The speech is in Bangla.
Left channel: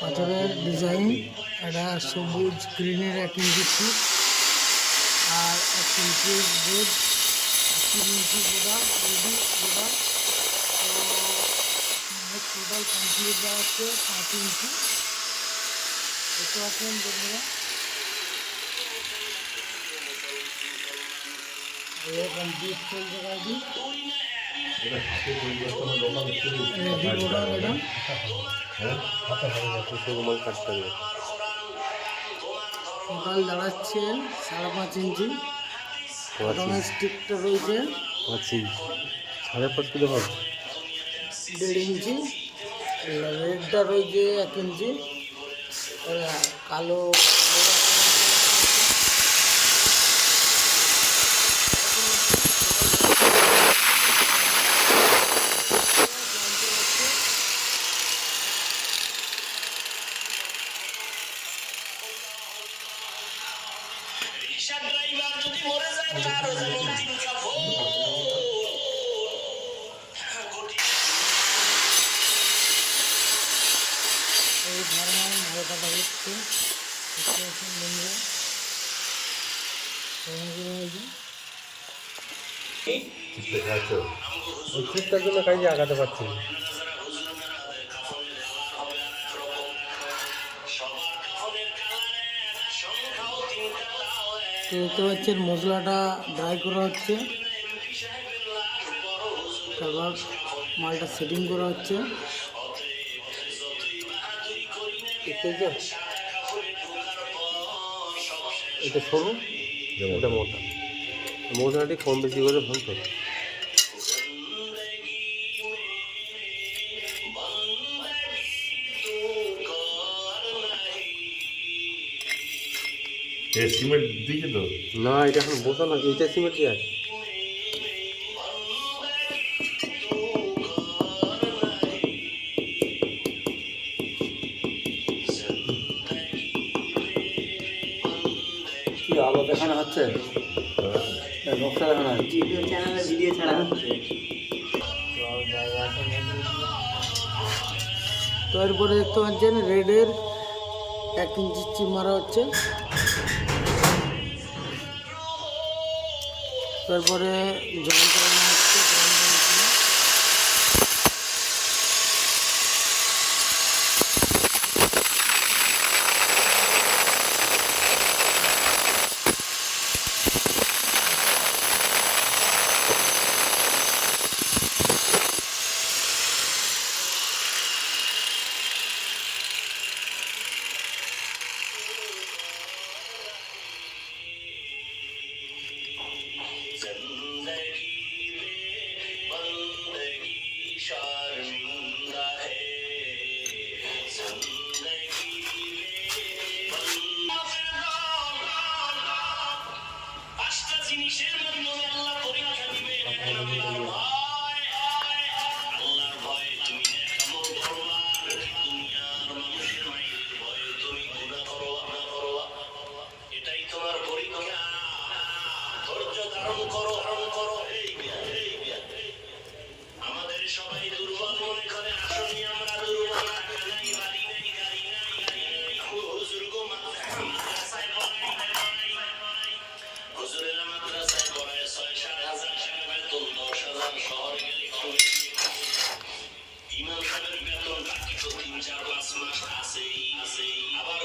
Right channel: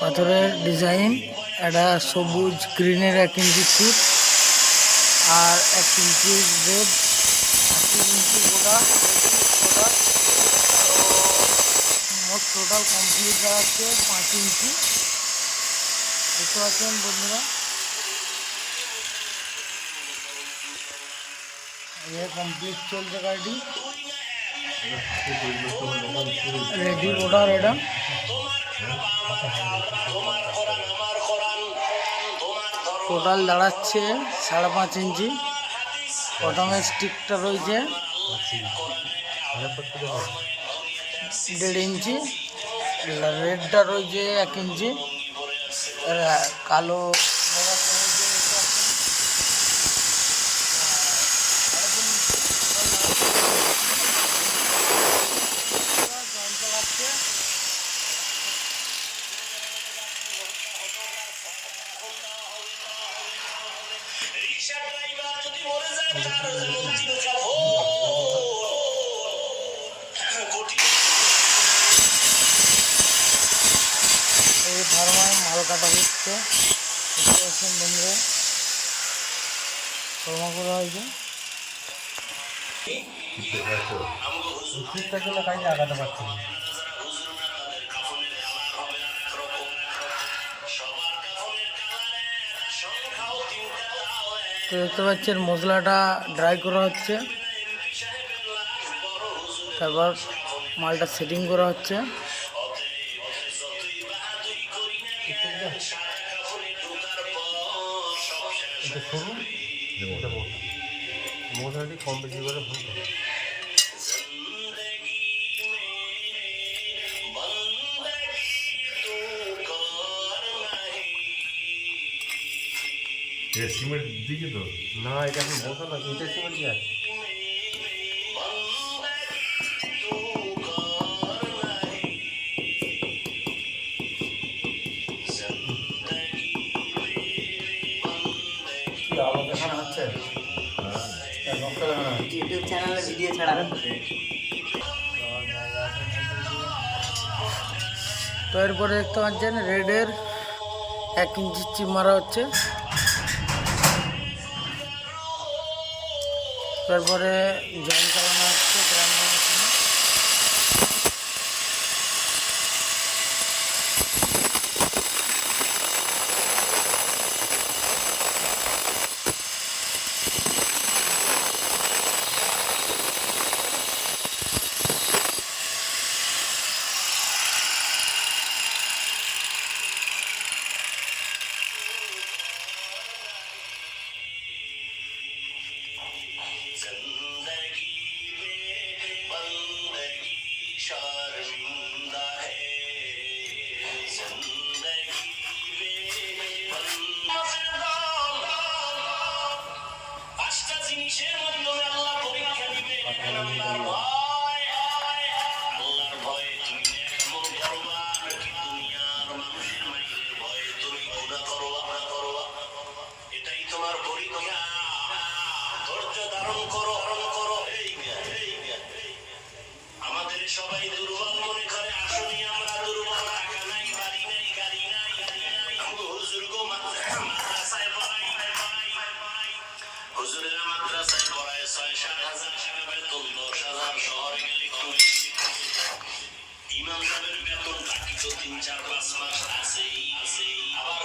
পাথরের ডিজাইন, একটা সবুজ গ্রিনের 1 ইঞ্চি ফুট আর 1 ইঞ্চি রেড, 3 ইঞ্চি গোটা রেডি গোটা। তো মোট টোটাল কমপ্লিট দেখাচ্ছে 5 ইঞ্চি। দেখতে পাচ্ছেন বন্ধুরা, কমপ্লিট চলছে গাড়িটি, রেডি গোটা এটা। টোটাল দাঁড়াচ্ছে 5.5 ইঞ্চি। প্রথমে স্টিকটা রয়েছে 1.5 ইঞ্চি, রেডটা রয়েছে 1 ইঞ্চি, কালো এই ধর্মায় মাল কাটা হচ্ছে। দেখতে পাচ্ছেন বন্ধুরা, ধর্মা করা হয়েছে। উচিতটার জন্য কাজে আগাতে পারছি না। তো দেখতে পাচ্ছেন মশলাটা ড্রাই করা হচ্ছে, তারপর মালটা সেটিং করা হচ্ছে। এটা সরু, ওটা মোটা, মোটাটি কম বেশি করে ভুল করে। সিমেন্ট দিয়েছে তো না, এটা এখন বোঝা না, এইটা সিমেন্ট যায়। কি আলো দেখানো হচ্ছে, নকশা দেখানো হচ্ছে, ইউটিউব চ্যানেলে ভিডিও ছাড়া হচ্ছে। তো এরপরে দেখতে পাচ্ছেন রেডের 1 ইঞ্চি চিপ মারা হচ্ছে। তারপরে জয়েন করানো হচ্ছে গ্রাউন্ড মেশিনে। ইমাম সাহেবের বেতনটা কিছু 3-4 মাস আছেই। আবার